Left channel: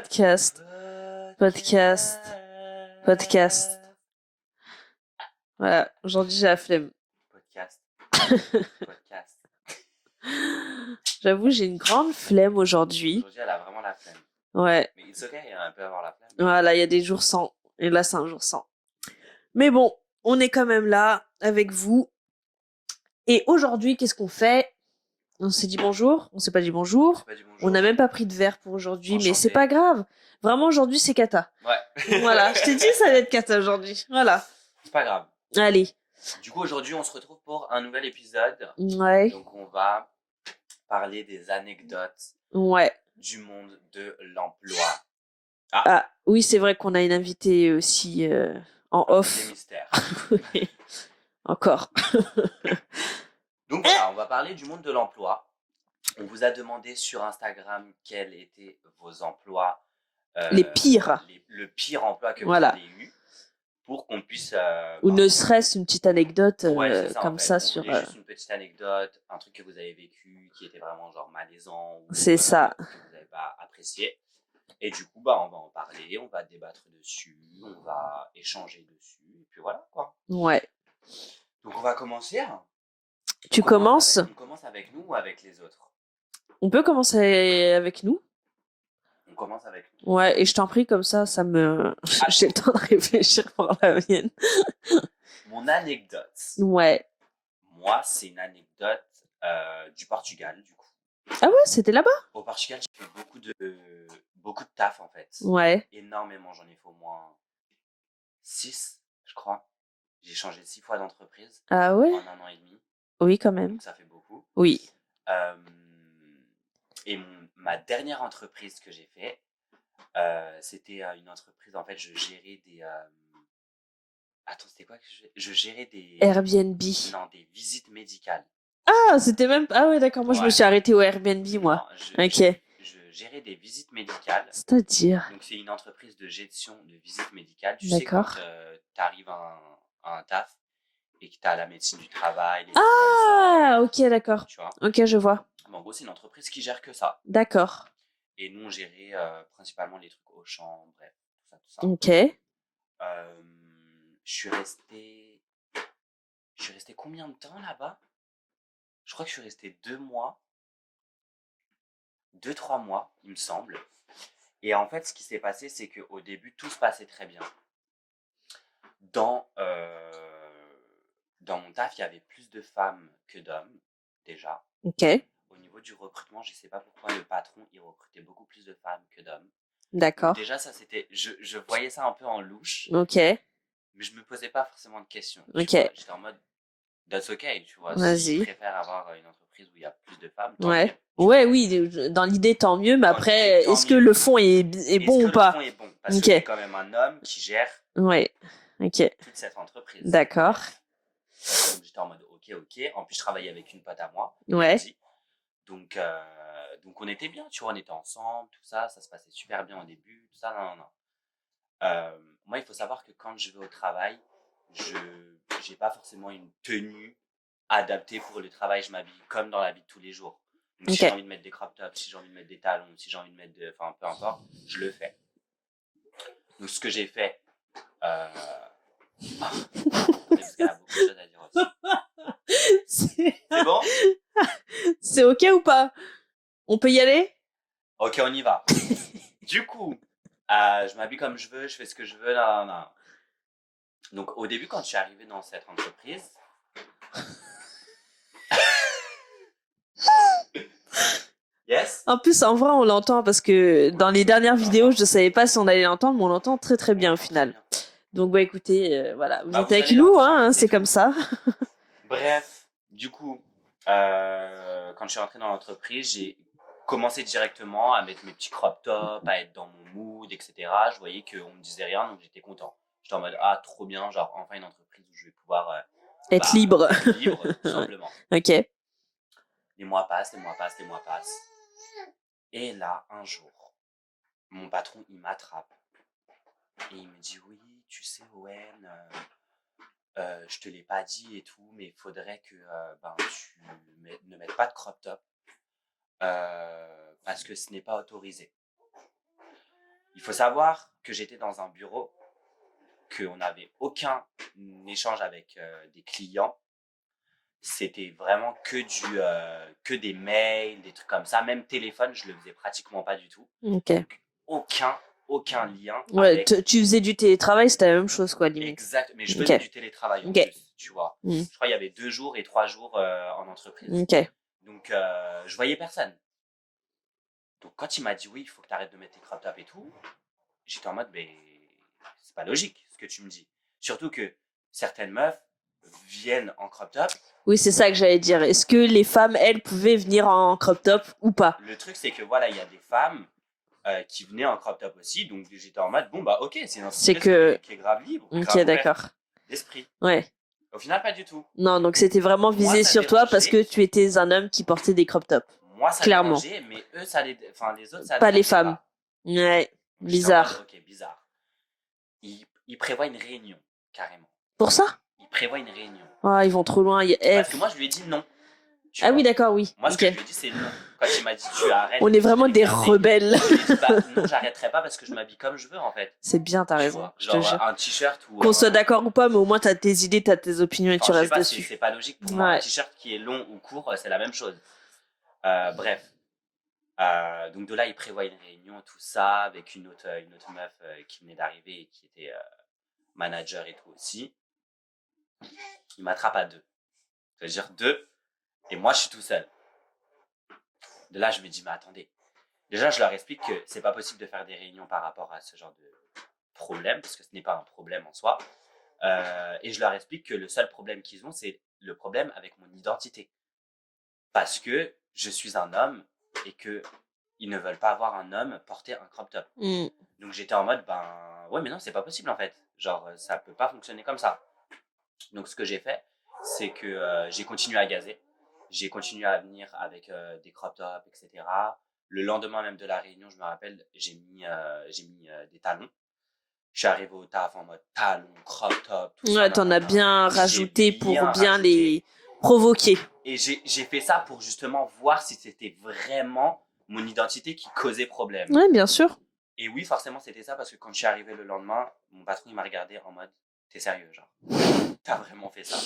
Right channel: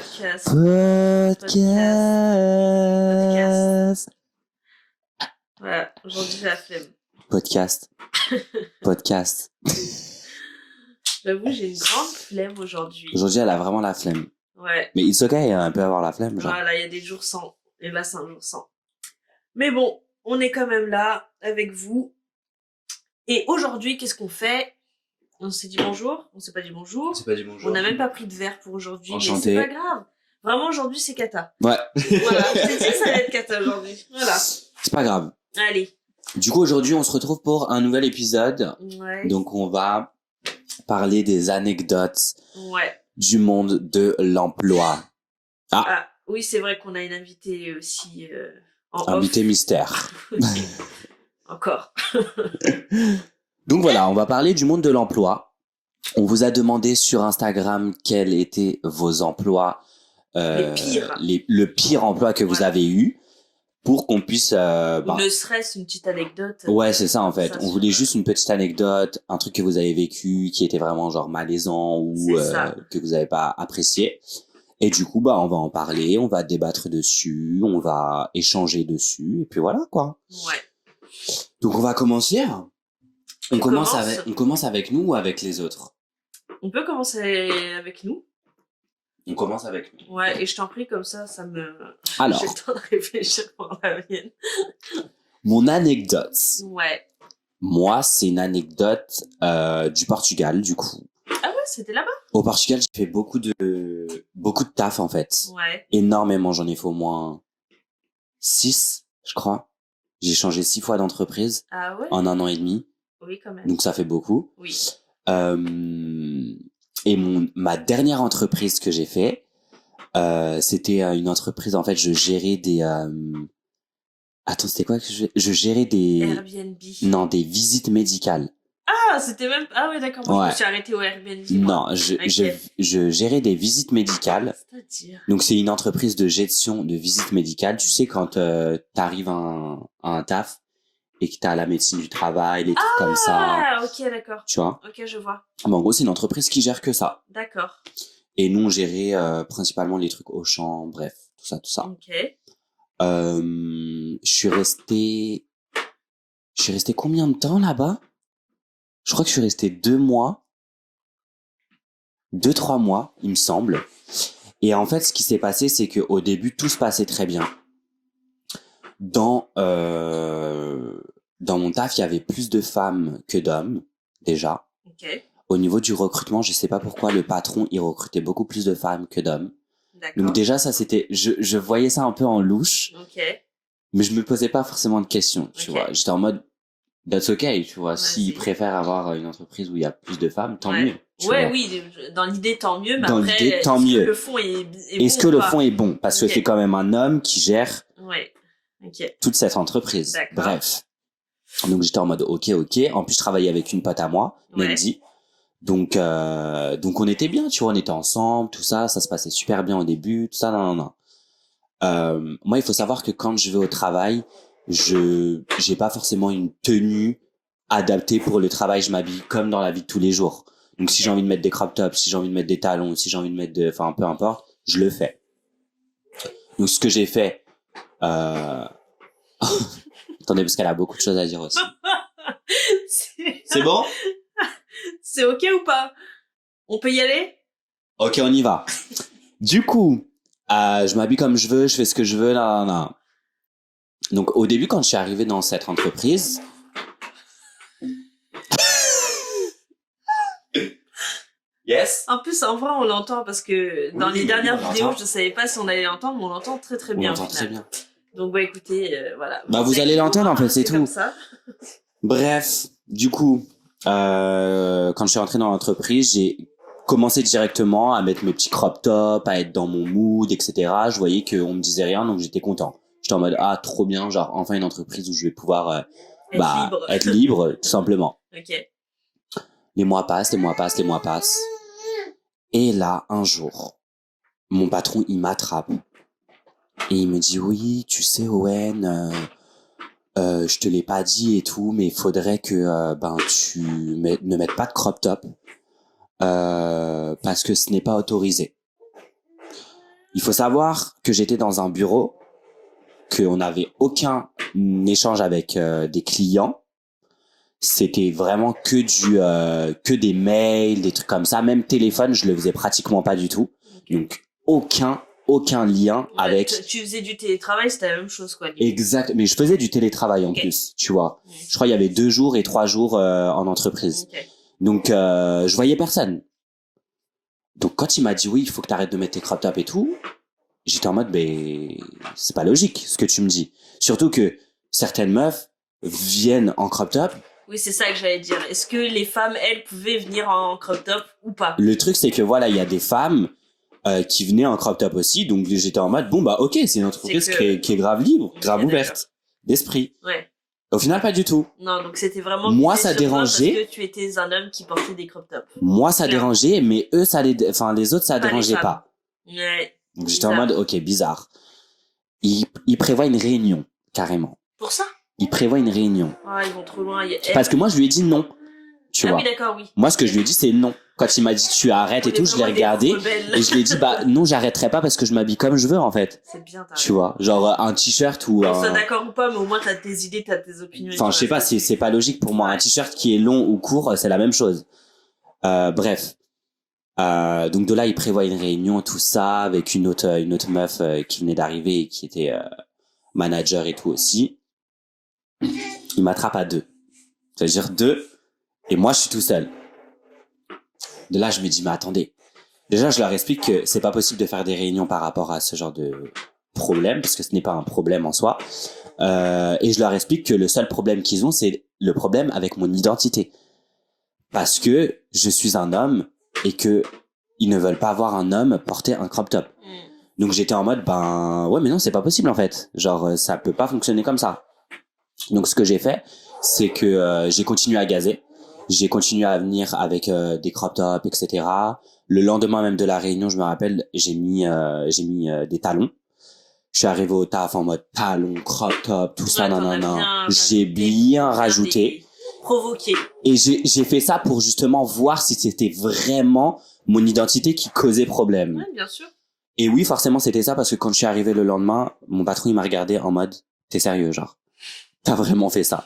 Podcast. Podcast. Voilà, aujourd'hui j'ai la flemme. Podcast. J'avoue, j'ai une grande flemme aujourd'hui. Aujourd'hui, elle a vraiment la flemme. Ouais. Mais it's okay, elle peut avoir la flemme. Genre. Voilà, il y a des jours sans. Et là, c'est un jour sans. Mais bon, on est quand même là avec vous. Et aujourd'hui, qu'est-ce qu'on fait? On s'est dit bonjour? On s'est pas dit bonjour? On n'a même pas pris de verre pour aujourd'hui, mais c'est pas grave. Vraiment, aujourd'hui, c'est cata. Ouais. Voilà, je t'ai dit, ça va être cata aujourd'hui. Voilà. C'est pas grave. Allez. Du coup, aujourd'hui, on se retrouve pour un nouvel épisode. Ouais. Donc, on va parler des anecdotes du monde de l'emploi. Ah, oui, c'est vrai qu'on a une invitée aussi en off. Invitée mystère. Encore. Donc voilà, on va parler du monde de l'emploi. On vous a demandé sur Instagram quels étaient vos emplois. Les pires. Le pire emploi que vous avez eu. Pour qu'on puisse... Ou ne serait-ce une petite anecdote. Ouais, c'est ça en fait. On voulait sur, juste une petite anecdote, un truc que vous avez vécu, qui était vraiment genre malaisant ou que vous n'avez pas apprécié. Et du coup, on va en parler, on va débattre dessus, on va échanger dessus, et puis voilà quoi. Ouais. Donc on va commencer. Tu commences? On commence avec nous ou avec les autres? On peut commencer avec nous. On commence avec nous. Ouais, et je t'en prie, comme ça me... Alors, j'ai le temps de réfléchir pour la mienne. Mon anecdote. Ouais. Moi, c'est une anecdote du Portugal, du coup. Ah ouais, c'était là-bas? Au Portugal, j'ai fait beaucoup de taf, en fait. Ouais. Énormément, j'en ai fait au moins 6, je crois. J'ai changé 6 fois d'entreprise. Ah ouais? En 1 an et demi. Oui, quand même. Donc, ça fait beaucoup. Oui. Et ma dernière entreprise que j'ai fait, c'était une entreprise, en fait, je gérais des... Attends, c'était quoi que je gérais des... Airbnb. Non, des visites médicales. Ah, c'était même... Ah ouais, d'accord. Moi, je me suis arrêtée au Airbnb, moi. Non, je gérais des visites médicales. C'est-à-dire? Donc, c'est une entreprise de gestion de visites médicales. Tu sais, quand t'arrives à un taf et que t'as la médecine du travail, les trucs comme ça. Ah, ok, d'accord. Tu vois? Ok, je vois. En gros, c'est une entreprise qui gère que ça. D'accord. Et nous, on gérait principalement les trucs Auchan, bref, tout ça. Ok. Je suis resté combien de temps là-bas? Je crois que je suis resté 2 mois. 2-3 mois, il me semble. Et en fait, ce qui s'est passé, c'est qu'au début, tout se passait très bien. Dans mon taf, il y avait plus de femmes que d'hommes, déjà. Ok. Au niveau du recrutement, je sais pas pourquoi le patron, il recrutait beaucoup plus de femmes que d'hommes. D'accord. Donc déjà, ça c'était... Je voyais ça un peu en louche. Ok. Mais je me posais pas forcément de questions, tu vois. J'étais en mode... That's okay, tu vois. S'ils préfèrent avoir une entreprise où il y a plus de femmes, tant mieux. Oui, dans l'idée, tant mieux. Mais après, est-ce que le fond est bon ou pas? Est-ce que le fond est bon? Parce que c'est quand même un homme qui gère toute cette entreprise. D'accord. Bref. Donc j'étais en mode ok. En plus, je travaillais avec une pote à moi, Mendy. Donc on était bien, tu vois. On était ensemble, tout ça. Ça se passait super bien au début, tout ça. Non. Moi, il faut savoir que quand je vais au travail, j'ai pas forcément une tenue adaptée pour le travail. Je m'habille comme dans la vie de tous les jours. Donc si j'ai envie de mettre des crop tops, si j'ai envie de mettre des talons, si j'ai envie de mettre enfin peu importe, je le fais. Donc ce que j'ai fait, attendez parce qu'elle a beaucoup de choses à dire aussi. C'est bon? C'est ok ou pas? On peut y aller? Ok, on y va. Du coup, je m'habille comme je veux, je fais ce que je veux, là. Donc, au début, quand je suis arrivé dans cette entreprise... Yes. En plus, en vrai, on l'entend parce que dans les dernières vidéos, je savais pas si on allait l'entendre, mais on l'entend très très bien au final. Bien. Donc, écoutez, voilà. Vous allez l'entendre, en fait, c'est tout. Comme ça. Bref, du coup, quand je suis rentré dans l'entreprise, j'ai commencé directement à mettre mes petits crop tops, à être dans mon mood, etc. Je voyais qu'on me disait rien, donc j'étais content. J'étais en mode, trop bien, genre, enfin une entreprise où je vais pouvoir être libre. Être libre, tout simplement. Ok. Les mois passent. Et là, un jour, mon patron, il m'attrape. Et il me dit, oui, tu sais, Owen, je te l'ai pas dit et tout, mais il faudrait que tu ne mettes pas de crop top parce que ce n'est pas autorisé. Il faut savoir que j'étais dans un bureau, qu'on n'avait aucun échange avec des clients. C'était vraiment que des mails, des trucs comme ça. Même téléphone, je le faisais pratiquement pas du tout. Okay. Donc, aucun lien avec... Tu faisais du télétravail, c'était la même chose, quoi. Limite. Exact, mais je faisais du télétravail en plus, tu vois. Je crois qu'il y avait 2 jours et 3 jours en entreprise. Donc, je voyais personne. Donc, quand il m'a dit, oui, il faut que tu arrêtes de mettre tes crop tops et tout, j'étais en mode, c'est pas logique ce que tu me dis. Surtout que certaines meufs viennent en crop top. Oui, c'est ça que j'allais dire. Est-ce que les femmes, elles, pouvaient venir en crop top ou pas? Le truc, c'est que voilà, il y a des femmes qui venaient en crop top aussi. Donc, j'étais en mode, bon, bah, ok, c'est une entreprise qui est grave libre, grave ouverte d'esprit. Ouais. Au final, pas du tout. Non, donc c'était vraiment visé sur toi parce que tu étais un homme qui portait des crop tops. Moi, ça dérangeait, mais eux, les autres, ça dérangeait pas. Ouais. Donc j'étais en mode, ok, bizarre. Ils prévoient une réunion, carrément. Pour ça? Ils prévoient une réunion. Ah, ils vont trop loin. Parce que moi, je lui ai dit non. Tu vois. Oui, d'accord, oui. Moi, ce que je lui ai dit, c'est non. Quand il m'a dit tu arrêtes et tout, je l'ai regardé. Et je lui ai dit, non, j'arrêterai pas parce que je m'habille comme je veux, en fait. C'est bien, t'as raison. Tu vois, genre un t-shirt ou. Qu'on soit d'accord ou pas, mais au moins t'as tes idées, t'as tes opinions. Enfin, je sais pas si c'est pas logique pour moi. Un t-shirt qui est long ou court, c'est la même chose. Bref. Donc de là, il prévoit une réunion, tout ça, avec une autre meuf qui venait d'arriver et qui était manager et tout aussi. Il m'attrape à 2. C'est-à-dire 2, et moi, je suis tout seul. De là, je me dis, mais attendez. Déjà, je leur explique que c'est pas possible de faire des réunions par rapport à ce genre de problème, parce que ce n'est pas un problème en soi. Et je leur explique que le seul problème qu'ils ont, c'est le problème avec mon identité. Parce que je suis un homme et que ils ne veulent pas voir un homme porter un crop top. Donc j'étais en mode, ouais, mais non, c'est pas possible en fait. Genre, ça peut pas fonctionner comme ça. Donc ce que j'ai fait, c'est que j'ai continué à gazer. J'ai continué à venir avec des crop tops, etc. Le lendemain même de la réunion, je me rappelle, j'ai mis des talons. Je suis arrivé au taf en mode talons, crop top, tout ça. T'en as bien rajouté pour bien les provoquer. Et j'ai fait ça pour justement voir si c'était vraiment mon identité qui causait problème. Ouais, bien sûr. Et oui, forcément, c'était ça parce que quand je suis arrivé le lendemain, mon patron, il m'a regardé en mode, t'es sérieux, genre? T'as vraiment fait ça?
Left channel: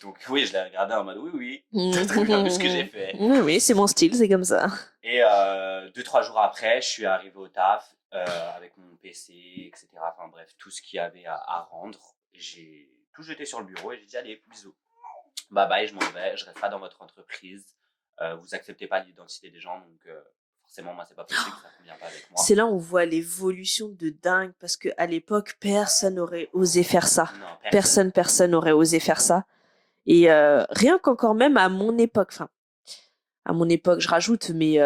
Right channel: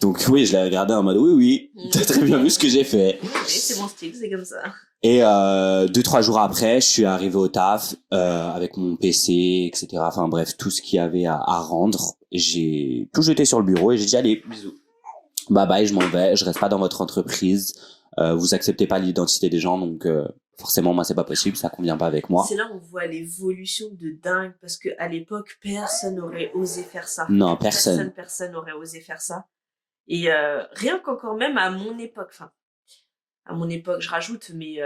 Donc oui, je l'ai regardé en mode, oui, t'as très bien vu ce que j'ai fait. Oui, c'est mon style, c'est comme ça. Et 2-3 jours après, je suis arrivé au taf avec mon PC, etc. Enfin bref, tout ce qu'il y avait à rendre. J'ai tout jeté sur le bureau et j'ai dit, allez, bisous. Bye bye, je m'en vais, je reste pas dans votre entreprise. Vous acceptez pas l'identité des gens, donc forcément, moi, c'est pas possible, ça convient pas avec moi. C'est là où on voit l'évolution de dingue, parce que à l'époque, personne n'aurait osé faire ça. Non, personne. Personne n'aurait osé faire ça. Et rien qu'encore même à mon époque, enfin, à mon époque, je rajoute, mais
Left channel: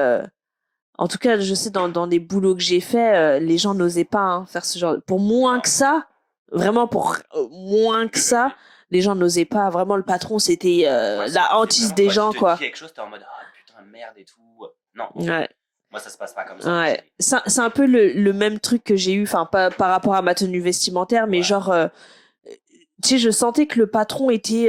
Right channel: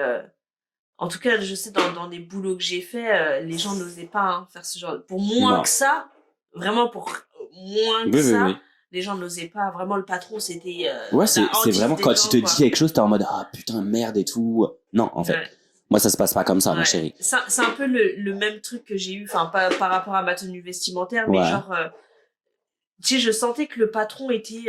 en tout cas, je sais, dans les boulots que j'ai fait, les gens n'osaient pas faire ce genre. Pour moins que ça, vraiment pour moins que ça, les gens n'osaient pas. Vraiment, le patron, c'était la hantise des gens. Quand il te dit quelque chose, t'es en mode, ah putain, merde et tout. Non, en fait. Moi, ça se passe pas comme ça, ma chérie. C'est un peu le même truc que j'ai eu, enfin, pas par rapport à ma tenue vestimentaire, mais genre, tu sais, je sentais que le patron était,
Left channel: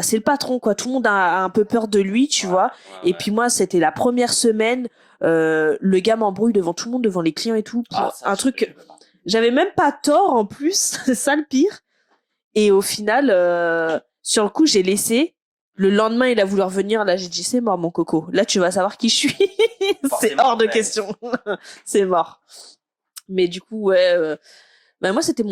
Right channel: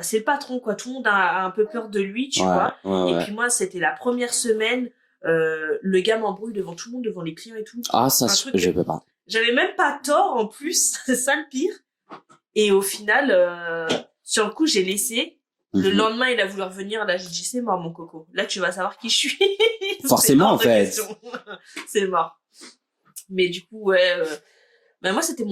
c'est le patron, quoi. Tout le monde a un peu peur de lui, tu vois. Et puis moi, c'était la première semaine, le gars m'embrouille devant tout le monde, devant les clients et tout. Ah, ça, je peux pas. J'avais même pas tort, en plus. C'est ça le pire. Et au final, sur le coup, j'ai laissé. Le lendemain, il a voulu revenir. Là, j'ai dit, c'est mort, mon coco. Là, tu vas savoir qui je suis. Forcément, c'est hors de question. C'est mort. Mais du coup, moi, c'était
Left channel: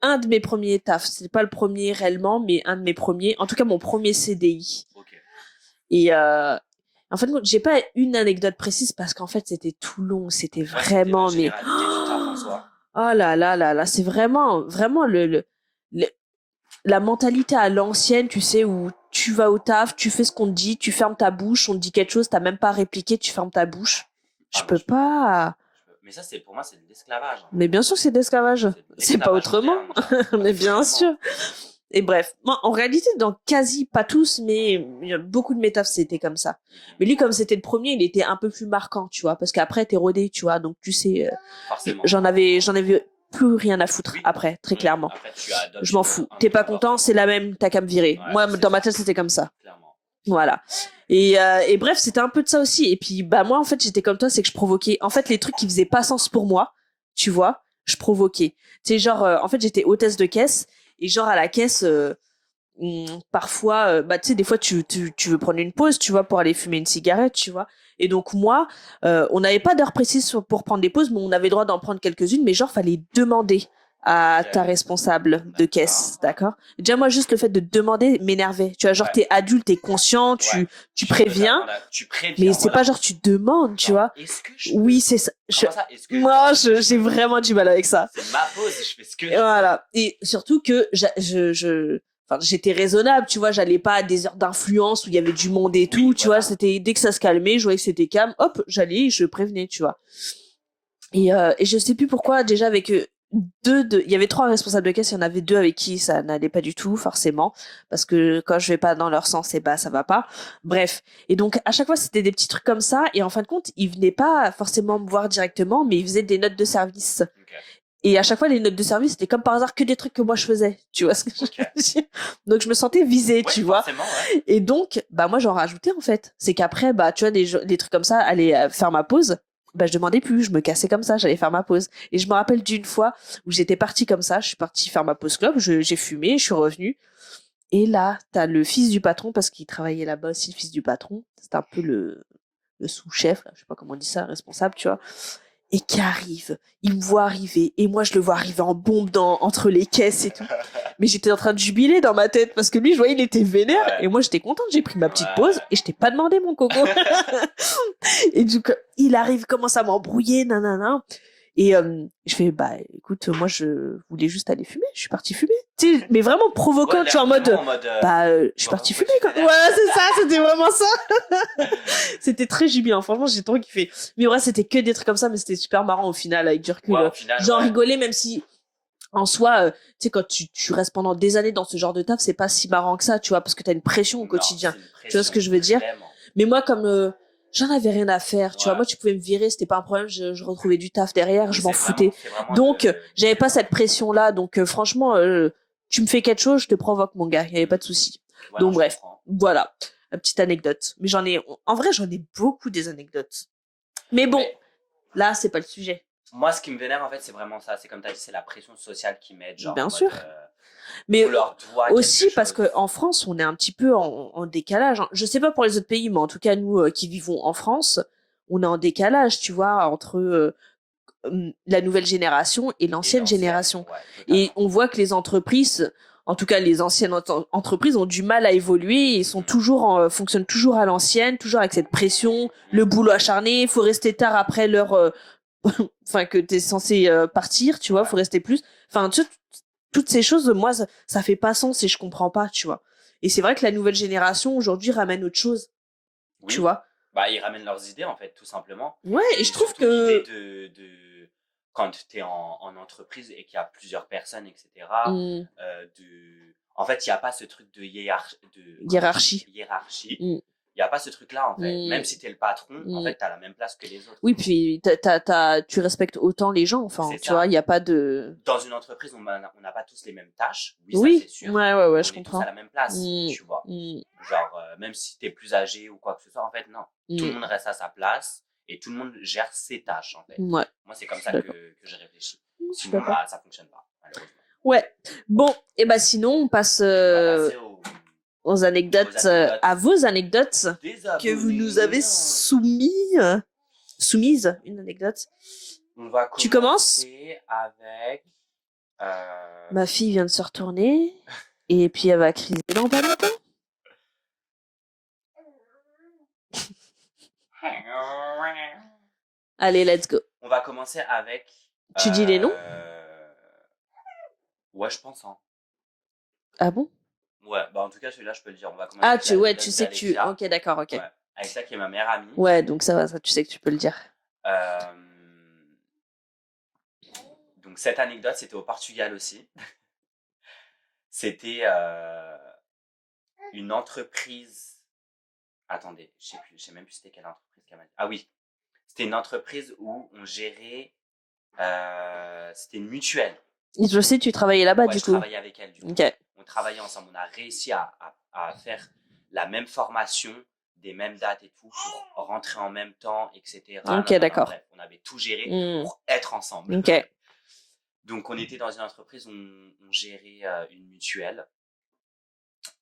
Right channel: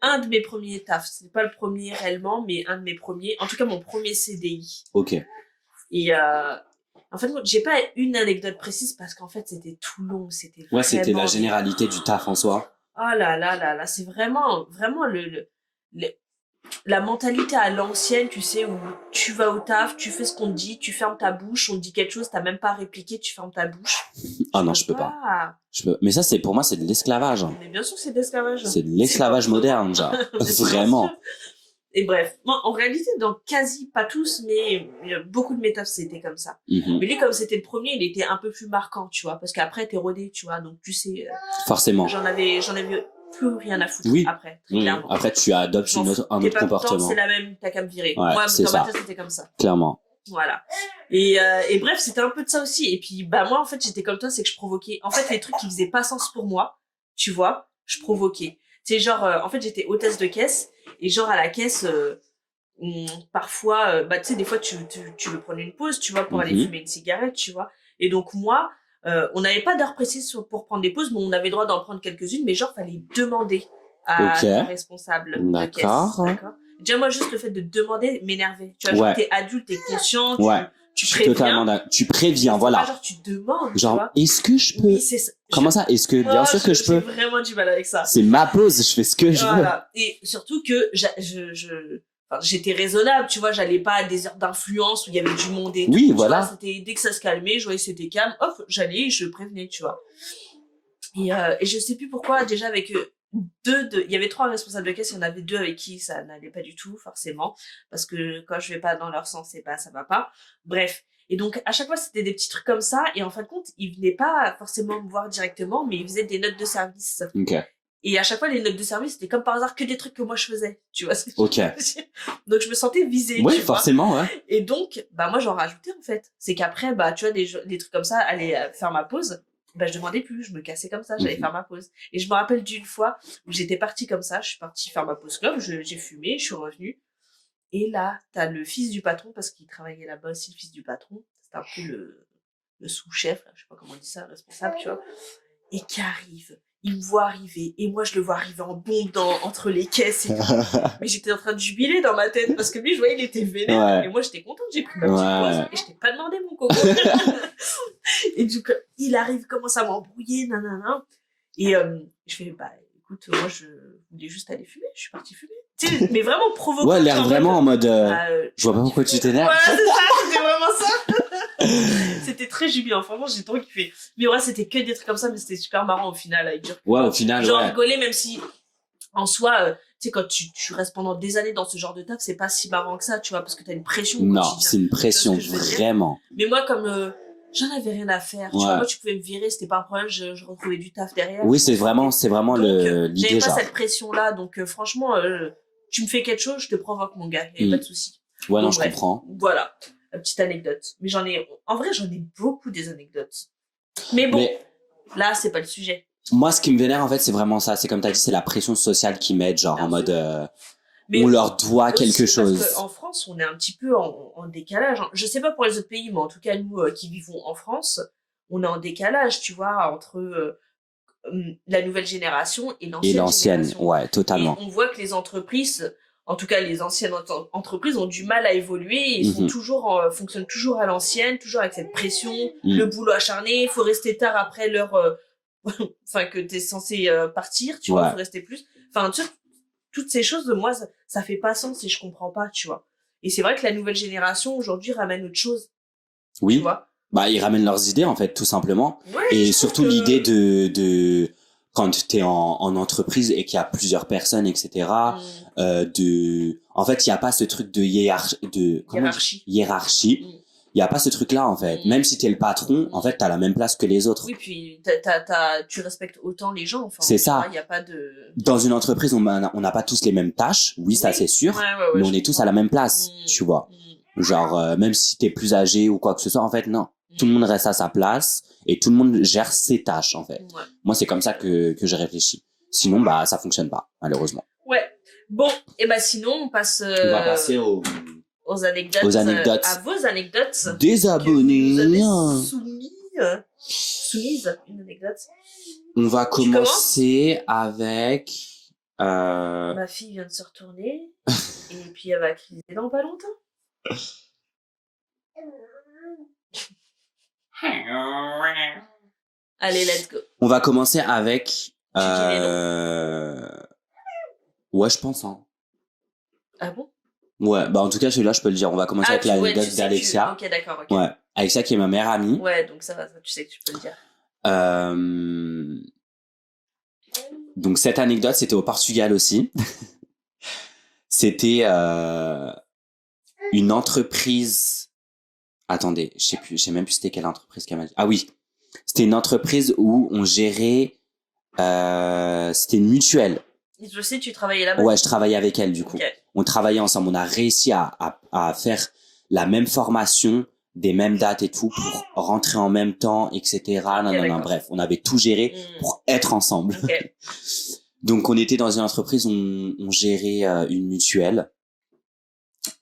un de mes premiers tafs. C'était pas le premier réellement, mais un de mes premiers. En tout cas, mon premier CDI. Ok. Et en fait, j'ai pas une anecdote précise parce qu'en fait, c'était tout long. C'était vraiment... c'était la généralité du taf en soi. Oh là. C'est vraiment la mentalité à l'ancienne, tu sais, où tu vas au taf, tu fais ce qu'on te dit, tu fermes ta bouche, on te dit quelque chose, t'as même pas répliqué, tu fermes ta bouche. Je peux pas. Mais ça, pour moi, c'est de l'esclavage. Mais bien sûr que c'est de l'esclavage. C'est de l'esclavage moderne, genre. Mais bien sûr. Et bref, moi, en réalité, dans quasi, pas tous, mais beaucoup de mes tafs, c'était comme ça. Mais lui, comme c'était le premier, il était un peu plus marquant, tu vois, parce qu'après, t'es rodé, tu vois, donc tu sais... Forcément. J'en avais plus rien à foutre après, très clairement. Après, tu adoptes un autre comportement. T'es pas content, c'est la même, t'as qu'à me virer. Ouais, moi, dans ma tête, c'était comme ça. Clairement. Voilà. Et bref, c'était un peu de ça aussi. Et puis, moi, en fait, j'étais comme toi, c'est que je provoquais... En fait, les trucs qui faisaient pas sens pour moi, tu vois, je provoquais. Tu sais, genre, en fait, j'étais hôtesse de caisse, et genre, à la caisse, parfois, bah, tu sais, des fois, tu veux prendre une pause, tu vois, pour aller fumer une cigarette, tu vois. Et donc, moi, on n'avait pas d'heure précise pour prendre des pauses, mais on avait le droit d'en prendre quelques-unes, mais genre, fallait demander à ta responsable de caisse, d'accord. Déjà, moi, juste le fait de demander m'énervait. Tu vois, genre, t'es adulte, t'es conscient, tu préviens. Tu préviens, mais c'est pas genre tu demandes, genre, tu vois. Est-ce que je peux... Oui, c'est ça. Comment ça? Est-ce que moi, bien sûr que je peux... j'ai vraiment du mal avec ça. C'est ma pause, je fais ce que je veux. Et surtout que enfin, j'étais raisonnable, tu vois, j'allais pas à des heures d'influence où il y avait du monde et tout, tu vois, c'était dès que ça se calmait, je voyais que c'était calme, hop, j'allais et je prévenais, tu vois. Et je sais plus pourquoi, déjà avec il y avait 3 responsables de caisse, il y en avait 2 avec qui ça n'allait pas du tout, forcément, parce que quand je vais pas dans leur sens, et bah ça va pas. Bref. Et donc, à chaque fois, c'était des petits trucs comme ça, et en fin de compte, ils venaient pas forcément me voir directement, mais ils faisaient des notes de service. Et à chaque fois, les notes de service, c'était comme par hasard que des trucs que moi je faisais. Tu vois ce que je veux dire? Donc, je me sentais visée, tu vois. Forcément, ouais. Et donc, bah, moi, j'en rajoutais, en fait. C'est qu'après, bah, tu vois, des trucs comme ça, aller faire ma pause, bah, je demandais plus, je me cassais comme ça, j'allais faire ma pause. Et je me rappelle d'une fois où j'étais partie comme ça, je suis partie faire ma pause club, j'ai fumé, je suis revenue. Et là, t'as le fils du patron, parce qu'il travaillait là-bas aussi, le fils du patron. C'était un peu le sous-chef, là, je sais pas comment on dit ça, responsable, tu vois. Et qui arrive, il me voit arriver, et moi je le vois arriver en bombe entre les caisses et tout. Mais j'étais en train de jubiler dans ma tête, parce que lui, je voyais, il était vénère, et moi j'étais contente, j'ai pris ma petite pause, et je t'ai pas demandé mon coco. Et du coup, il arrive, commence à m'embrouiller, nanana. Et je fais, bah écoute, moi je voulais juste aller fumer, je suis partie fumer. Tu sais, mais vraiment provocant, tu en mode bah, je suis partie fumer. Ouais, c'est ça, c'était vraiment ça. C'était très jubilant, franchement, j'ai trop kiffé. Mais ouais, c'était que des trucs comme ça, mais c'était super marrant au final, avec du recul. Au final, j'en rigolais, même si en soi, tu sais, quand tu restes pendant des années dans ce genre de taf, c'est pas si marrant que ça, tu vois, parce que t'as une pression au quotidien. C'est une pression, tu vois ce que je veux dire? Vraiment. Mais moi, comme j'en avais rien à faire, tu vois, moi tu pouvais me virer, c'était pas un problème, je retrouvais du taf derrière. Oui, c'est vraiment donc j'avais pas cette pression là, donc franchement tu me fais quelque chose, je te provoque mon gars, il y avait pas de souci. Ouais, donc non, je comprends. Voilà, une petite anecdote. Mais j'en ai beaucoup des anecdotes. Mais bon, là c'est pas le sujet. Moi, ce qui me vénère en fait, c'est vraiment ça, c'est comme t'as dit, c'est la pression sociale qui m'aide, genre en mode mais on leur doit aussi quelque chose. Parce qu'en France, on est un petit peu en décalage. Je sais pas pour les autres pays, mais en tout cas, nous qui vivons en France, on est en décalage, tu vois, entre la nouvelle génération et l'ancienne génération. Ouais, totalement. Et on voit que les entreprises, en tout cas les anciennes entreprises, ont du mal à évoluer. Ils sont fonctionnent toujours à l'ancienne, toujours avec cette pression, le boulot acharné, faut rester tard après l'heure, enfin que t'es censé partir, tu vois, faut rester plus. Enfin, toutes ces choses, moi, ça fait pas sens et je comprends pas, tu vois. Et c'est vrai que la nouvelle génération, aujourd'hui, ramène autre chose. Oui. Tu vois. Bah, ils ramènent leurs idées, en fait, tout simplement. Ouais, et surtout l'idée de quand t'es en entreprise et qu'il y a plusieurs personnes, etc. En fait, il y a pas ce truc de hiérarchie. Il y a pas ce truc-là, en fait. Même si t'es le patron, en fait, t'as la même place que les autres. Oui, puis tu respectes autant les gens. Enfin, c'est ça. Il y a pas de... Dans une entreprise, on n'a pas tous les mêmes tâches. Oui, ça, c'est sûr. Ouais, mais on est tous à la même place, tu vois. Genre, même si t'es plus âgé ou quoi que ce soit, en fait, non. Tout le monde reste à sa place et tout le monde gère ses tâches, en fait. Ouais. Moi, c'est comme ça que je réfléchis. Sinon, bah, ça fonctionne pas, malheureusement. Ouais. Bon, et bah, sinon, on passe... On va passer aux anecdotes, à vos anecdotes des abonnés que vous nous avez soumises, une anecdote. On va commencer avec ma fille vient de se retourner et puis elle va criser dans pas longtemps. Allez, let's go. On va commencer avec tu dis les noms? Ouais, je pense, hein. Ah bon? Ouais, bah en tout cas celui-là je peux le dire. On va commencer avec l'anecdote d'Alexia. Ok, d'accord, ok. Ouais, Alexia qui est ma meilleure amie. Ouais, donc ça va, ça tu sais que tu peux le dire. Donc cette anecdote c'était au Portugal aussi. C'était une entreprise. Attendez, je sais même plus c'était quelle entreprise qu'elle m'a dit. Ah oui, c'était une entreprise où on gérait. C'était une mutuelle. Je sais, tu travaillais là-bas. Ouais, je travaillais avec elle du coup. Okay. On travaillait ensemble. On a réussi à faire la même formation des mêmes dates et tout pour rentrer en même temps, etc. Bref, on avait tout géré pour être ensemble. Okay. Donc, on était dans une entreprise où on gérait une mutuelle.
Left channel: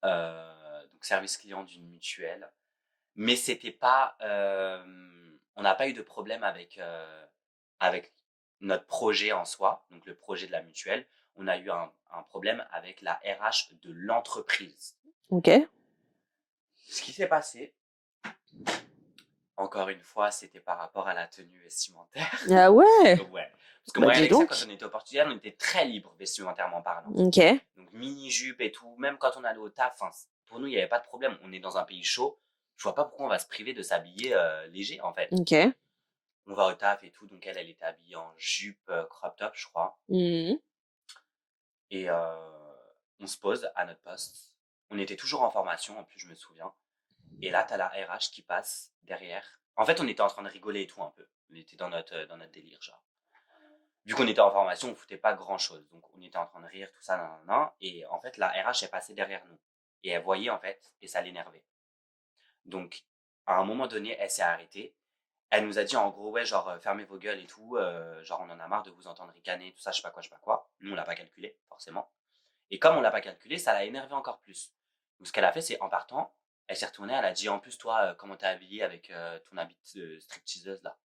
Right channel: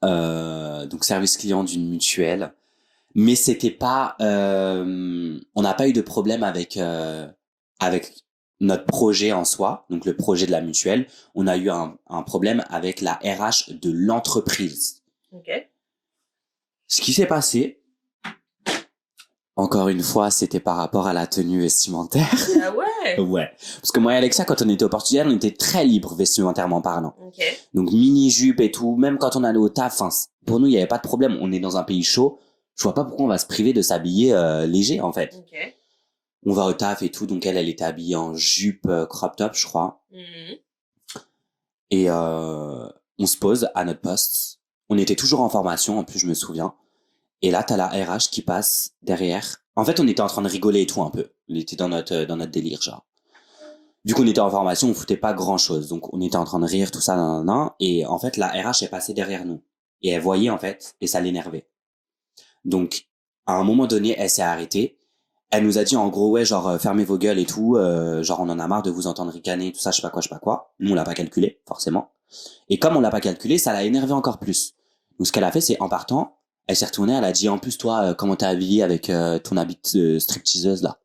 Donc, service client d'une mutuelle. Mais c'était pas... on n'a pas eu de problème avec notre projet en soi, donc le projet de la mutuelle. On a eu un problème avec la RH de l'entreprise. Ok. Ce qui s'est passé, encore une fois, c'était par rapport à la tenue vestimentaire. Ah ouais. Ouais. Parce que moi et Alexia, quand on était au Portugal, on était très libre vestimentairement parlant. Ok. Donc mini-jupe et tout, même quand on allait au taf, pour nous, il n'y avait pas de problème. On est dans un pays chaud. Je vois pas pourquoi on va se priver de s'habiller léger, en fait. Ok. On va au taf et tout, donc elle était habillée en jupe crop top, je crois. Et on se pose à notre poste. On était toujours en formation, en plus, je me souviens. Et là, t'as la RH qui passe derrière. En fait, on était en train de rigoler et tout un peu. On était dans notre délire, genre. Vu qu'on était en formation, on foutait pas grand-chose. Donc, on était en train de rire, tout ça, et en fait, la RH est passée derrière nous. Et elle voyait, en fait, et ça l'énervait. Donc, à un moment donné, elle s'est arrêtée. Elle nous a dit, en gros, ouais, genre, fermez vos gueules et tout. Genre, on en a marre de vous entendre ricaner, tout ça, je sais pas quoi. Nous, on l'a pas calculé, forcément. Et comme on l'a pas calculé, ça l'a énervé encore plus. Donc, ce qu'elle a fait, c'est, en partant, elle s'est retournée, elle a dit, en plus, toi, comment t'es habillée avec ton habit de stripteaseuse, là.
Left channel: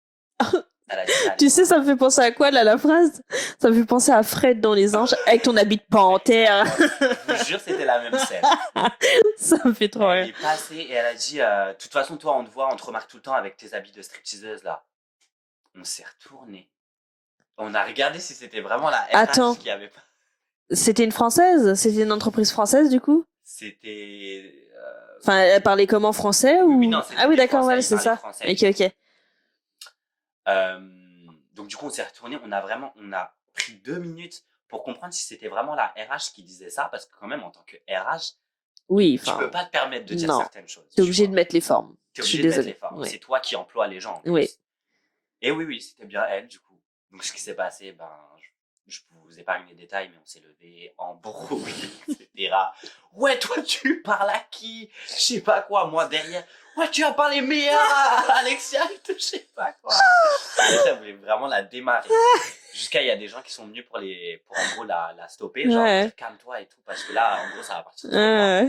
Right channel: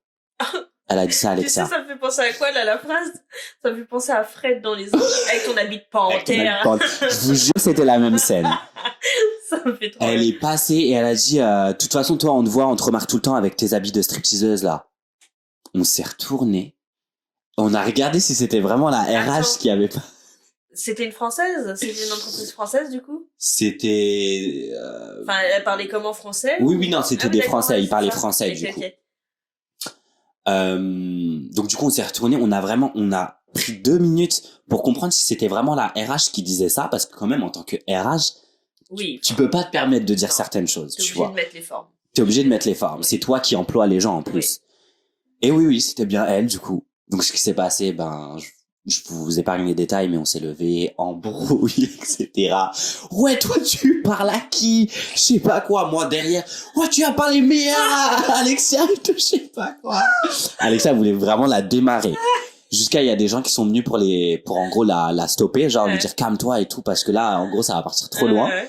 Elle a dit ça à Alexa. Tu sais, ça me fait penser à quoi, là, la phrase? Ça me fait penser à Fred dans Les Anges, avec ton habit de panthère. Je vous jure, c'était la même scène. Ça me fait trop Elle est passée et elle a dit, de toute façon, toi, on te voit, on te remarque tout le temps avec tes habits de stripteaseuse, là. On s'est retourné. On a regardé si c'était vraiment la RH qui avait pas... C'était une Française? C'était une entreprise française, du coup? C'était... Enfin, elle parlait comment, français? Oui, non, c'était des Français, ils parlaient français. Ok. Donc du coup, on s'est retourné, on a pris 2 minutes pour comprendre si c'était vraiment la RH qui disait ça, parce que quand même, en tant que RH, tu peux pas te permettre de dire certaines choses. T'es obligé de mettre les formes. T'es obligé de mettre les formes. Oui. C'est toi qui emploies les gens en plus. Oui. Et oui, c'était bien elle, du coup. Donc ce qui s'est passé, je vous épargne les détails, mais on s'est levé en brouille, etc. Ouais, toi, tu parles à qui? Je sais pas quoi, moi, derrière. Ouais, tu as parlé meilleur à Alexia, je sais pas quoi. Alexia voulait vraiment la démarrer. Jusqu'à, il y a des gens qui sont venus pour en gros, la stopper, genre, lui dire, calme-toi et tout, parce que là, en gros, ça va partir trop loin.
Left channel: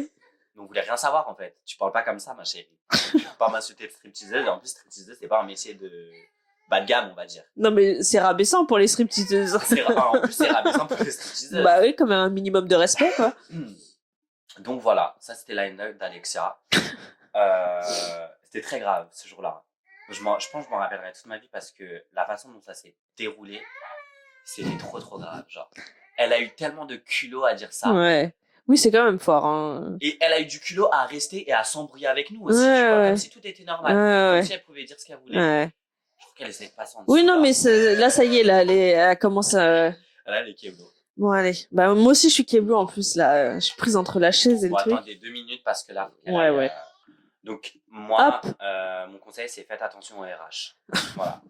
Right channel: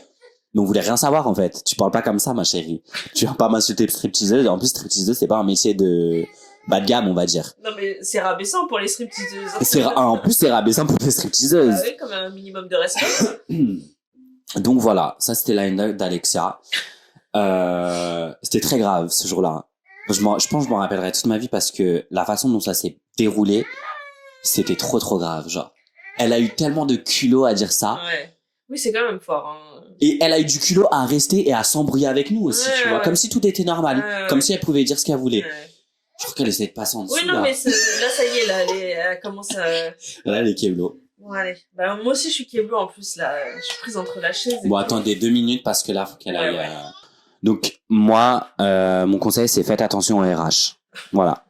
Mais on voulait rien savoir, en fait. Tu parles pas comme ça, ma chérie. Tu vas pas m'insulter stripteaseuse. En plus, stripteaseuse, c'est pas un métier de bas de gamme, on va dire. Non, mais c'est rabaissant pour les stripteaseuses. En plus, c'est rabaissant pour les stripteaseuses. Bah oui, comme un minimum de respect, quoi. Donc voilà, ça c'était l'anecdote d'Alexia. C'était très grave ce jour-là. Je pense que je m'en rappellerai toute ma vie parce que la façon dont ça s'est déroulé, c'était trop grave, genre. Elle a eu tellement de culot à dire ça. Ouais. Oui, c'est quand même fort, hein. Et elle a eu du culot à rester et à s'embrouiller avec nous aussi, tu vois. Comme si tout était normal. Comme si elle pouvait dire ce qu'elle voulait. Je crois qu'elle essayait de passer en dessous. Oui, non, mais là, ça y est, là, elle commence à... Là, elle est Keblo. Bon, allez. Bah, moi aussi, je suis Keblo, en plus, là. Je suis prise entre la chaise et bon, attendez 2 minutes, parce que là, faut qu'elle aille... Donc, moi, mon conseil, c'est faites attention aux RH. Voilà.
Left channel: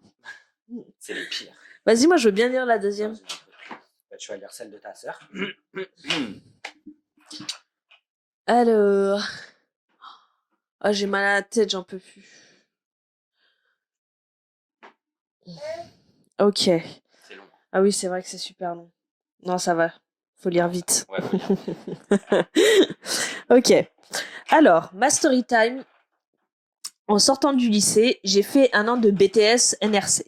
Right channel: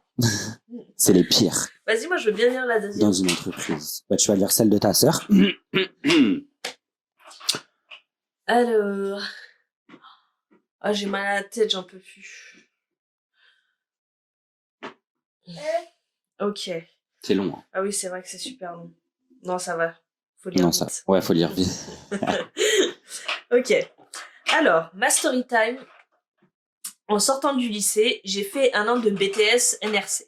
C'est les pires. Vas-y, moi, je veux bien lire la deuxième. Dans une entreprise. Bah, tu vas lire celle de ta sœur. Alors... Ah, j'ai mal à la tête, j'en peux plus. Ok. C'est long. Hein. Ah oui, c'est vrai que c'est super long. Non, ça va. Faut lire vite. Ouais, faut lire vite. Ok. Alors, ma story time. En sortant du lycée, j'ai fait 1 an de BTS NRC.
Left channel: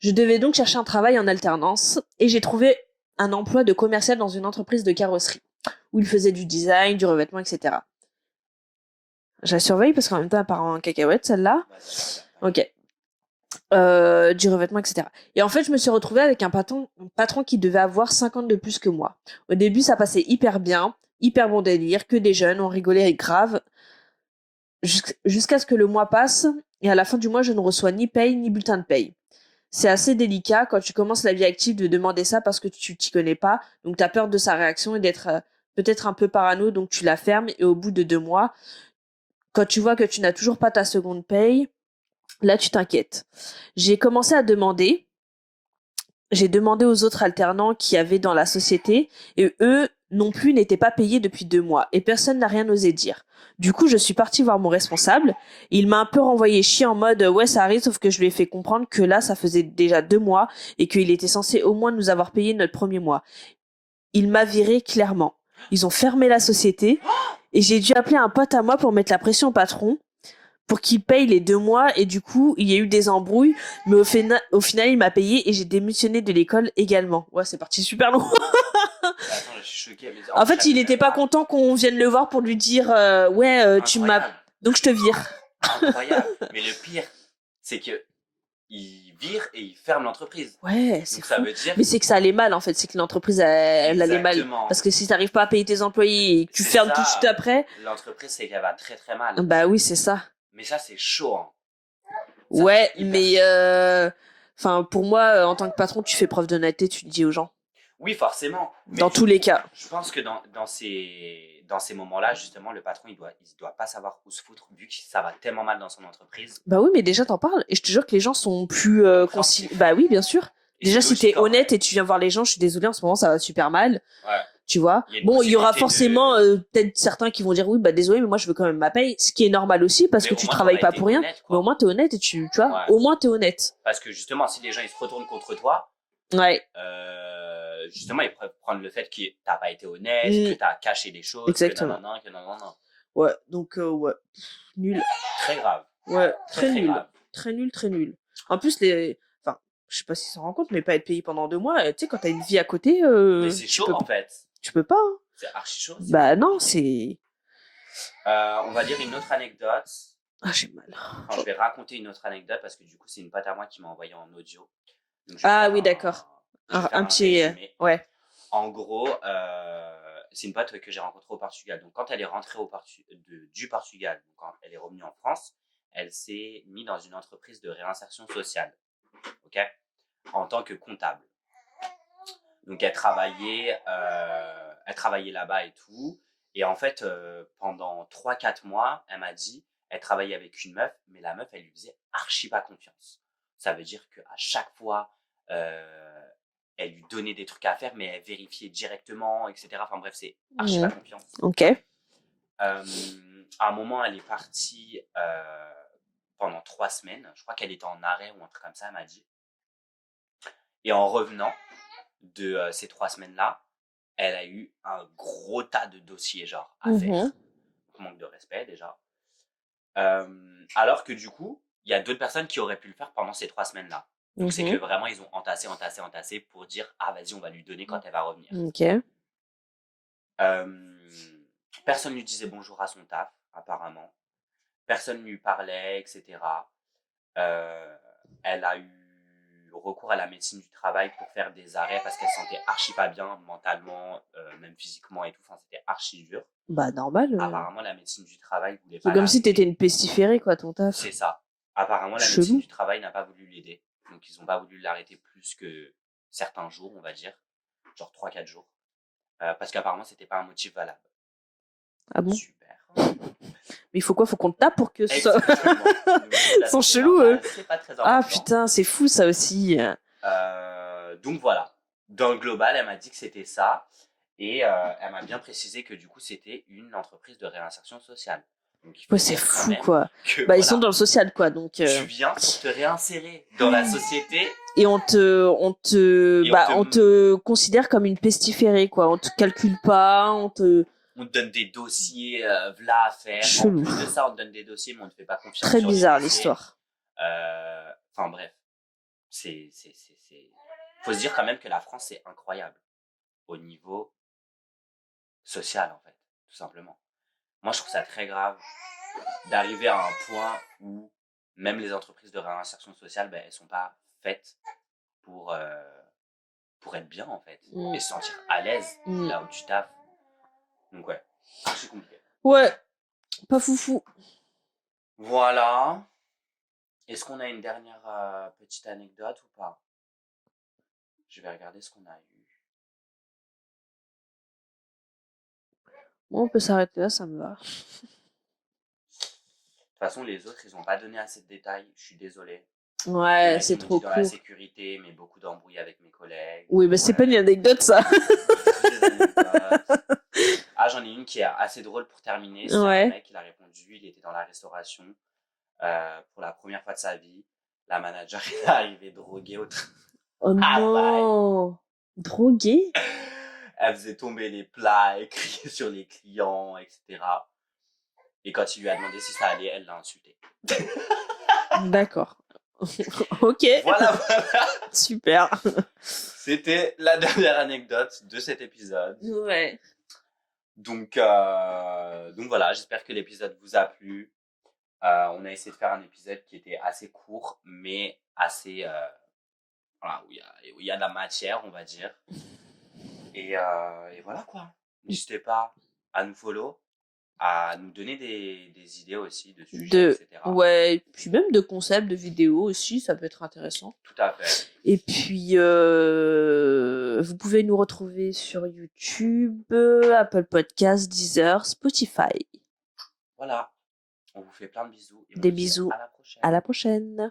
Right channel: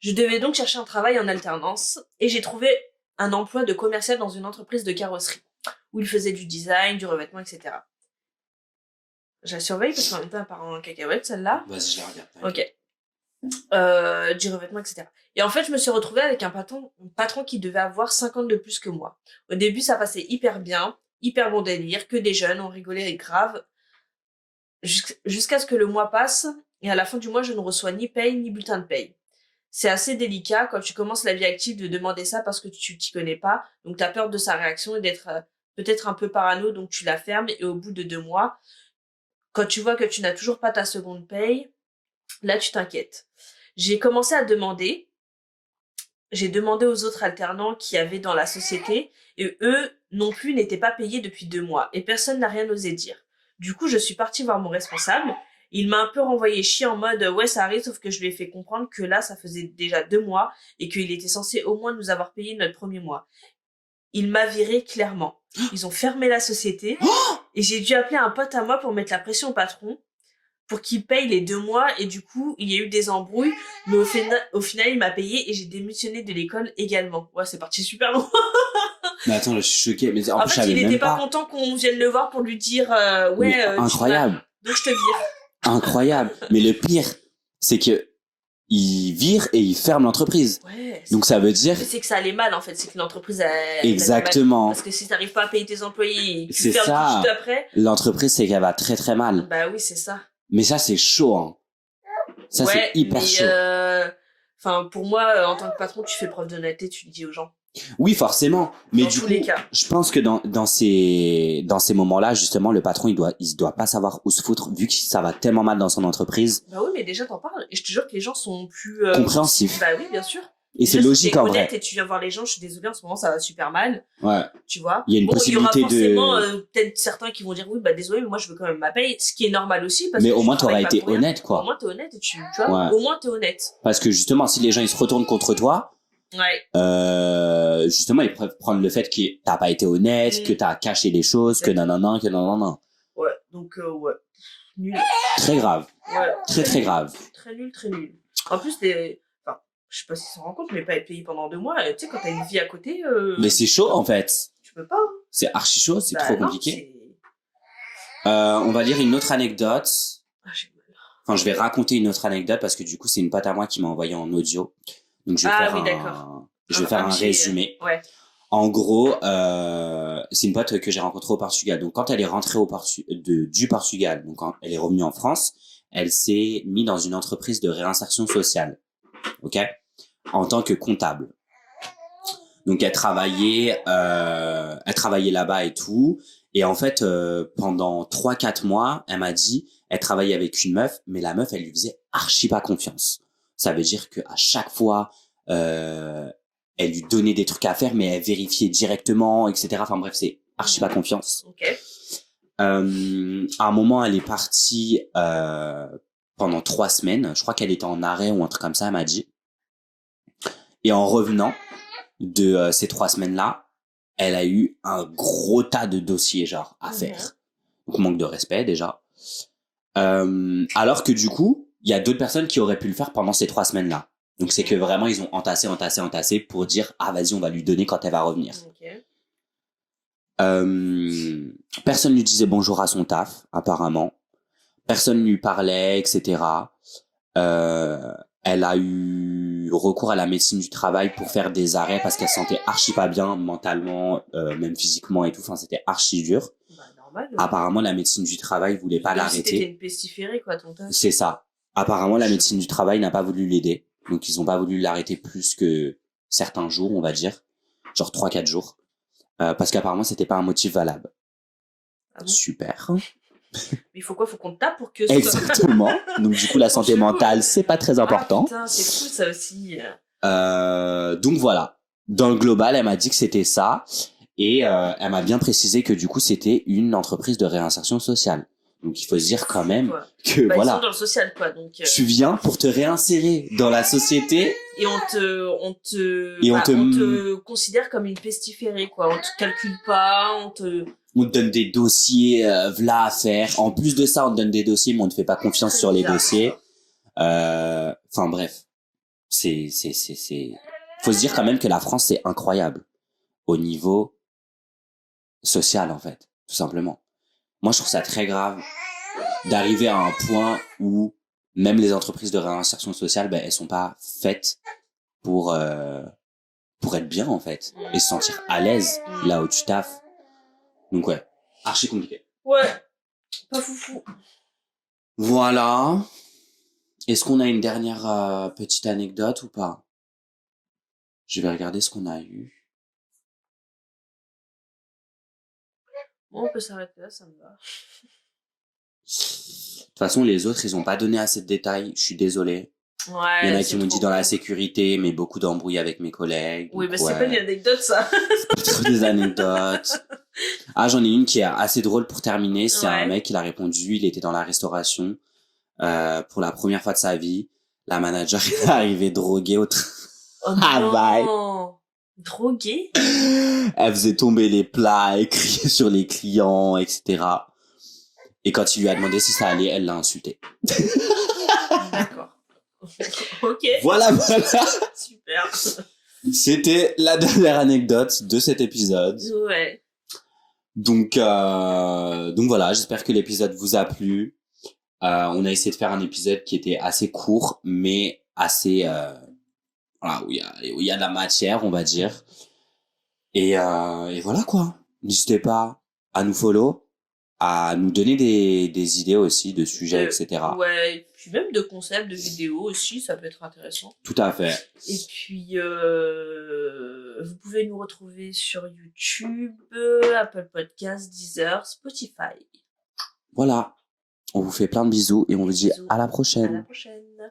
Je devais donc chercher un travail en alternance et j'ai trouvé un emploi de commercial dans une entreprise de carrosserie où il faisait du design, du revêtement, etc. Je la surveille parce qu'en même temps, elle part en cacahuète, celle-là. Vas-y, je regarde. Ok. Du revêtement, etc. Et en fait, je me suis retrouvée avec un patron qui devait avoir 50 de plus que moi. Au début, ça passait hyper bien, hyper bon délire, que des jeunes, on rigolait grave, jusqu'à ce que le mois passe, et à la fin du mois, je ne reçois ni paye, ni bulletin de paye. C'est assez délicat quand tu commences la vie active de demander ça parce que tu t'y connais pas, donc tu as peur de sa réaction et d'être peut-être un peu parano, donc tu la fermes, et au bout de 2 mois, quand tu vois que tu n'as toujours pas ta seconde paye, là, tu t'inquiètes. J'ai commencé à demander. J'ai demandé aux autres alternants qui avaient dans la société et eux non plus n'étaient pas payés depuis 2 mois et personne n'a rien osé dire. Du coup, je suis partie voir mon responsable. Il m'a un peu renvoyé chier en mode ouais, ça arrive, sauf que je lui ai fait comprendre que là, ça faisait déjà 2 mois et qu'il était censé au moins nous avoir payé notre premier mois. Il m'a viré clairement. Ils ont fermé la société et j'ai dû appeler un pote à moi pour mettre la pression au patron pour qu'il paye les 2 mois et du coup, il y a eu des embrouilles, mais au final, il m'a payé et j'ai démissionné de l'école également. Ouais, c'est parti super loin. Mais attends, là, je suis choqué. Mais en fait, il était pas content qu'on vienne le voir pour lui dire ouais, incroyable. Donc je te vire. Incroyable. Mais le pire, c'est que il vire et il ferme l'entreprise. Ouais. Donc ça veut dire. Mais c'est que ça allait mal en fait, c'est que l'entreprise elle exactement. allait mal. Parce que si t'arrives pas à payer tes employés et que tu fermes tout de suite après. L'entreprise c'est qu'elle va très très mal. Bah oui, c'est ça. Mais ça c'est chaud. Hein. Ça, ouais, c'est hyper mais chaud. Enfin pour moi, en tant que patron, tu fais preuve d'honnêteté, tu le dis aux gens. Oui, forcément. Mais dans tous les cas. Je pense que dans ces moments-là, justement, le patron, il doit pas savoir où se foutre, vu que ça va tellement mal dans son entreprise. Bah oui, mais déjà, t'en parles. Et je te jure que les gens sont plus compréhensifs. Bah oui, bien sûr. Et déjà, si t'es honnête et tu viens voir les gens, je suis désolée, en ce moment, ça va super mal. Ouais. Tu vois. Il y aura forcément peut-être certains qui vont dire oui, bah désolé, mais moi, je veux quand même ma paye. Ce qui est normal aussi, parce que tu travailles pas pour rien. Honnête, quoi. Mais au moins, t'es honnête et tu vois, au moins, t'es honnête. Parce que justement, si les gens, ils se retournent contre toi, ouais. Justement, ils peuvent prendre le fait que t'as pas été honnête, que t'as caché des choses, exactement. que nanana. Ouais, donc, ouais. Nul. Très grave. Ouais. Très grave. Très nul, très nul. En plus, enfin, je sais pas s'ils s'en rendent compte, mais pas être payé pendant 2 mois, tu sais, quand t'as une vie à côté. Mais c'est chaud, en fait. Tu peux pas. Hein. C'est archi chaud, c'est bah trop non, compliqué. On va dire une autre anecdote. Ah, j'ai mal. Enfin, je vais raconter une autre anecdote parce que du coup, c'est une pote à moi qui m'a envoyé en audio. Donc, je vais d'accord. Je vais faire un résumé. Ouais. En gros, c'est une pote que j'ai rencontrée au Portugal. Donc, quand elle est rentrée du Portugal, donc quand elle est revenue en France, elle s'est mise dans une entreprise de réinsertion sociale, ok, en tant que comptable. Donc, elle travaillait là-bas et tout. Et en fait, pendant 3-4 mois, elle m'a dit, elle travaillait avec une meuf, mais la meuf, elle lui faisait archi pas confiance. Ça veut dire qu'à chaque fois, elle lui donnait des trucs à faire, mais elle vérifiait directement, etc. Enfin bref, c'est archi pas confiance. Ok. À un moment, elle est partie pendant 3 semaines. Je crois qu'elle était en arrêt ou un truc comme ça, elle m'a dit. Et en revenant de ces 3 semaines-là, elle a eu un gros tas de dossiers genre à faire. Donc manque de respect déjà. Alors que du coup, il y a d'autres personnes qui auraient pu le faire pendant ces 3 semaines-là. Donc c'est que vraiment ils ont entassé pour dire ah vas-y on va lui donner quand elle va revenir. Ok. Personne lui disait bonjour à son taf apparemment. Personne lui parlait, etc. Elle a eu recours à la médecine du travail pour faire des arrêts parce qu'elle se sentait archi pas bien mentalement, même physiquement et tout. Enfin, c'était archi dur. Bah, normal. Apparemment, la médecine du travail voulait pas l'arrêter. Comme si t'étais une pestiférée, quoi, ton taf. C'est ça. Apparemment, la médecine du travail n'a pas voulu l'aider. Donc, ils ont pas voulu l'arrêter plus que certains jours, on va dire. Genre 3-4 jours. Parce qu'apparemment, c'était pas un motif valable. Ah bon? Super. Mais il faut quoi? Faut qu'on te tape pour que ça... Exactement. Donc du coup la santé mentale c'est pas très important. Ah putain, c'est fou ça aussi. Donc voilà. Dans le global, elle m'a dit que c'était ça et elle m'a bien précisé que du coup c'était une entreprise de réinsertion sociale. Donc il faut dire quand même que bah, voilà. Ils sont dans le social quoi. Donc tu viens pour te réinsérer dans la société et on te considère comme une pestiférée quoi. On te calcule pas, on te donne des dossiers v'là à faire. En plus de ça, on te donne des dossiers, mais on ne te fait pas confiance sur les dossiers. Enfin bref, faut se dire quand même que la France c'est incroyable au niveau social en fait, tout simplement. Moi, je trouve ça très grave d'arriver à un point où même les entreprises de réinsertion sociale, ben elles sont pas faites pour être bien en fait et se sentir à l'aise là où tu taffes. Donc ouais, archi compliqué. Ouais, pas foufou. Voilà. Est-ce qu'on a une dernière petite anecdote ou pas? Je vais regarder ce qu'on a eu. Bon, on peut s'arrêter là, ça me va. De toute façon, les autres, ils ont pas donné assez de détails. Je suis désolé. Ouais, il y en a qui m'ont dit dans la sécurité, mais beaucoup d'embrouilles avec mes collègues. Oui, mais c'est pas une anecdote, ça. C'est des anecdotes. Ah, j'en ai une qui est assez drôle pour terminer. C'est un mec, il a répondu, il était dans la restauration pour la première fois de sa vie. La manager est arrivée droguée au travail. Non. Droguée? Elle faisait tomber les plats, elle criait sur les clients, etc. Et quand il lui a demandé si ça allait, elle l'a insulté. D'accord. Ok. Voilà. Super. C'était la dernière anecdote de cet épisode. Ouais. Donc voilà, j'espère que l'épisode vous a plu. On a essayé de faire un épisode qui était assez court, mais assez... voilà, où il y a de la matière, on va dire. Et voilà quoi. N'hésitez pas à nous follow, à nous donner des idées aussi de sujets, etc. Ouais, et puis même de concepts, de vidéos aussi, ça peut être intéressant. Tout à fait. Et puis, vous pouvez nous retrouver sur YouTube, Apple Podcasts, Deezer, Spotify. Voilà. On vous fait plein de bisous et on vous dit à la prochaine. À la prochaine.